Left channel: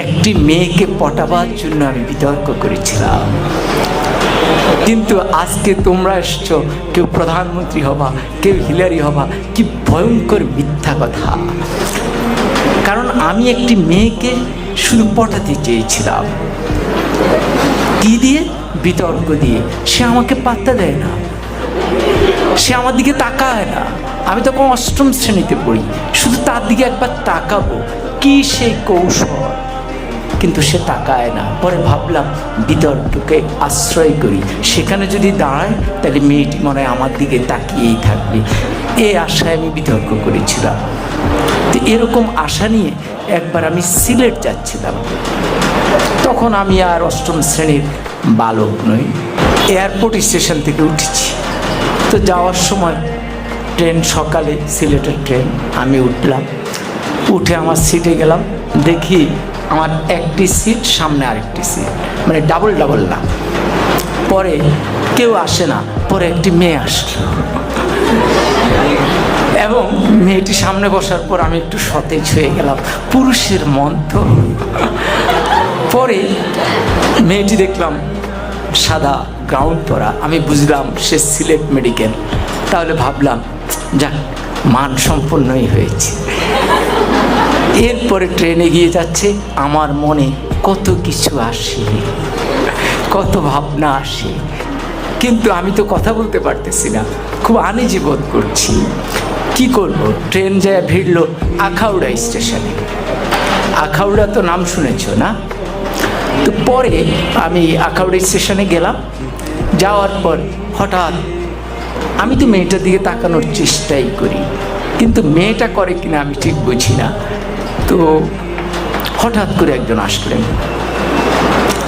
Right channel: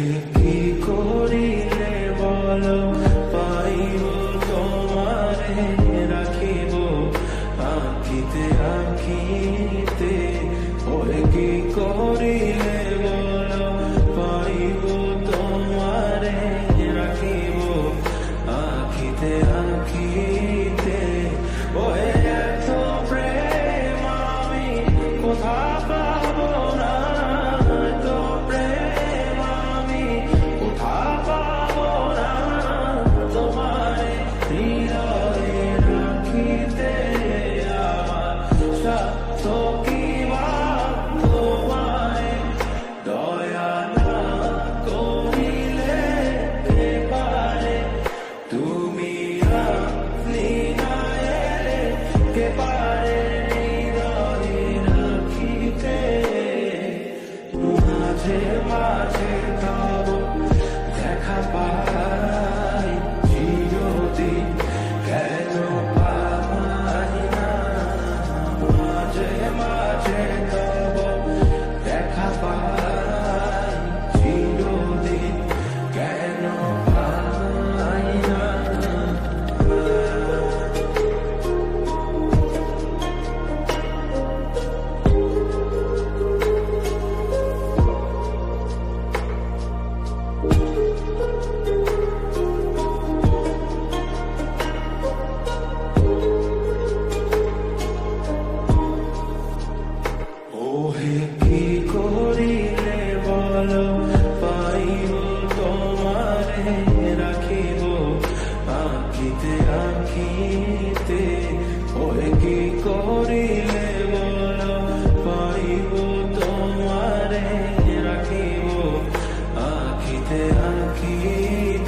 একটি মেয়েকে পটাবার জন্য আমি বিতর্ক করেছিলাম। কিন্তু আজকে তোমরা এসছো, কেউ প্রধানমন্ত্রী হবা, কেউ হিলারি হবা। কি ভয়ঙ্কর মিথ্যা কথা! কারণ আমি একটি মেয়েকে শুধু পটাতে চেয়েছিলাম। কি দিয়ে? বিতর্ক দিয়ে। সে আমাকে পাত্তা দেয় না, সে আমার দিকে তাকায় না। আমি তখন অষ্টম শ্রেণীতে পড়ি, শুধু তার দিকে একবার তাকাবো, কি সেই কৌশল, কিন্তু সে তাকায় না। পরে ভাবলাম বিতর্ককে আশ্রয় করি, সেখানে যদি দাঁড়ায় তাহলে মেয়েটি মনে হয় আমার দিকে তাকিয়েই থাকবে। এই আশায় আমি বিতর্ক করেছিলাম। তো এরকম আশা নিয়ে একবার আমি সিলেট যাচ্ছিলাম। তখন আমি আর অষ্টম শ্রেণীর বালক নই, এয়ারপোর্ট স্টেশন থেকে উঠেছি। তো যাওয়ার সময় ট্রেন, সকালে সিলেটের ট্রেন, আমি উঠলাম। উঠে আমার সিটে গেলাম, দেখি আমার একটি সিট, সামনে আরেকটি সিট, মানে ডাবল ডাবল না। পরে কেউ আসে না, পরে একটি মেয়ে আসে এবং মেয়েটি সামনে বসার পর আমি একটু সতেজ হয়ে গেলাম, পুরুষের মন তো। পরে মেয়েটি দেখলাম সাদা গাউন পরা, আমি বুঝলাম সে সিলেট মেডিকেল। তাহলে ভাবলাম যাক, মান সম্পন্নই হয়েছে। এরপরে ট্রেনে গিয়ে যাচ্ছে, আমার মনে কত কিছু আসে, কত ভাবনা আসে, কিন্তু আমি তো কথা বলতে পারতেছি না, খুব আনইজি বোধ করছি। কি করব? ট্রেন যায় ভিড়ল আখাউড়া স্টেশনে। আখাউড়া তো নাম শুনেছ না? তো পরে আমি আখাউড়া স্টেশনে গেলাম। যাওয়ার পর হঠাৎ আমি তো মেয়েটার দিকে তাকানোর চেষ্টাই করি, কিন্তু মেয়েটা করে কিনা আমি ঠিক বুঝি না। তো হঠাৎ করে একজন আসলেন,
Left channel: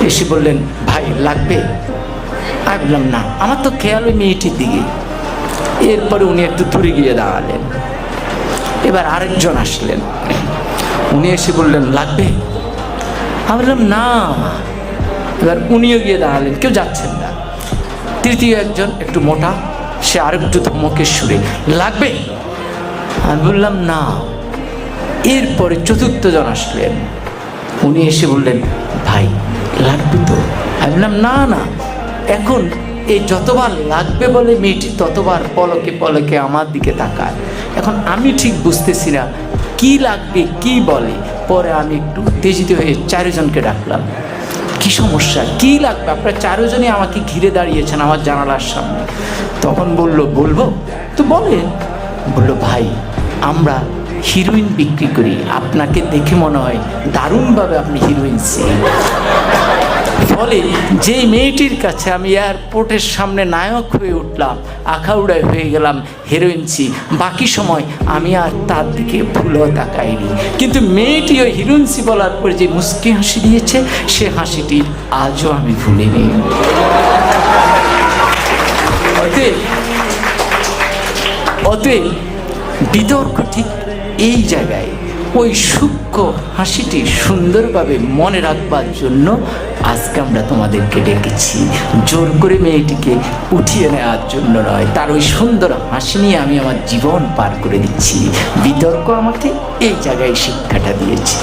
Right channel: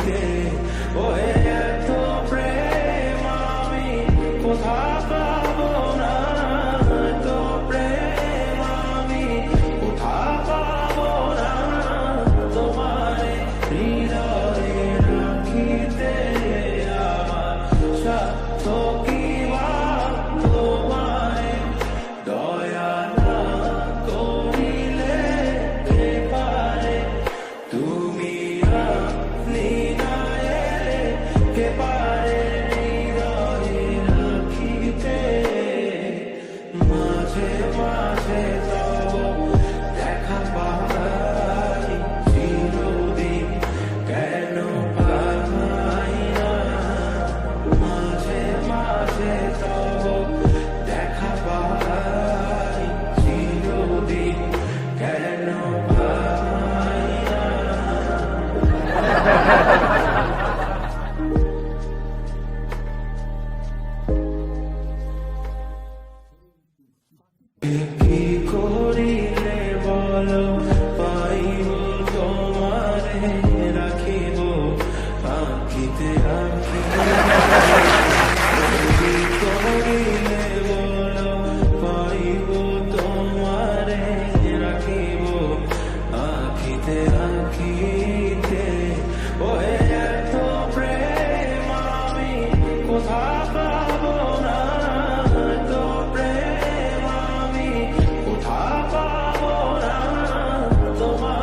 এসে বললেন, ভাই লাগবে? আমি বললাম না, আমার তো খেয়াল ওই মেয়েটির দিকে। এরপরে উনি একটু দূরে গিয়ে দাঁড়ালেন। এবার আরেকজন আসলেন, উনি এসে বললেন লাগবে? আমি বললাম না। এবার উনিও গিয়ে দাঁড়ালেন, কেউ যাচ্ছেন না। তৃতীয় একজন একটু মোটা, সে আরেকটু ধমকের সুরে, লাগবে? আমি বললাম না। এরপরে চতুর্থ জন আসলেন, উনি এসে বললেন, ভাই লাগবে তো? আমি বললাম না না। এখন এই যতবার লাগবে বলে মেয়েটি ততবার পলকে পলকে আমার দিকে তাকায়। এখন আমি ঠিক বুঝতেছি না কি লাগবে, কি বলে। পরে আমি একটু উত্তেজিত হয়ে চারজনকে ডাকলাম, কি সমস্যা, কি লাগবে? আপনারা চারজনই আমাকে ঘিরে দাঁড়িয়েছেন আমার জানালার সামনে। তখন বলবো তো বলেন। বললো, ভাই আমরা হিরোইন বিক্রি করি, আপনাকে দেখে মনে হয় দারুণভাবে আপনি হিরোইন ছিলেন। ফলে যেই মেয়েটির কাছে আমি এয়ারপোর্টের সামনে নায়ক হয়ে উঠলাম, আখাউড়ায় হয়ে গেলাম হিরোইনসি, বাকি সময় আমি আর তার দিকে ভুলও তাকাইনি। কিন্তু মেয়েটি ওই হিরোইনসি বলার পর যে মুচকি হাসি দিয়েছে, সে হাসিটি আজও আমি ভুলিনি। অতএব বিতর্ক ঠিক এই জায়গায়, ওই সূক্ষ্ম হাসিটি সুন্দরভাবে মনে রাখবার জন্য আজকে আমরা তোমাদেরকে ডেকেছি। জোর করে মেয়েটিকে উঠিয়ে নেওয়ার জন্য নয়, তার ওই সুন্দর হাসি নিয়ে আমি আমার জীবন পার করে দিচ্ছি। বিতর্ক আমাকে এই জায়গায় শিক্ষাটা দিয়েছে।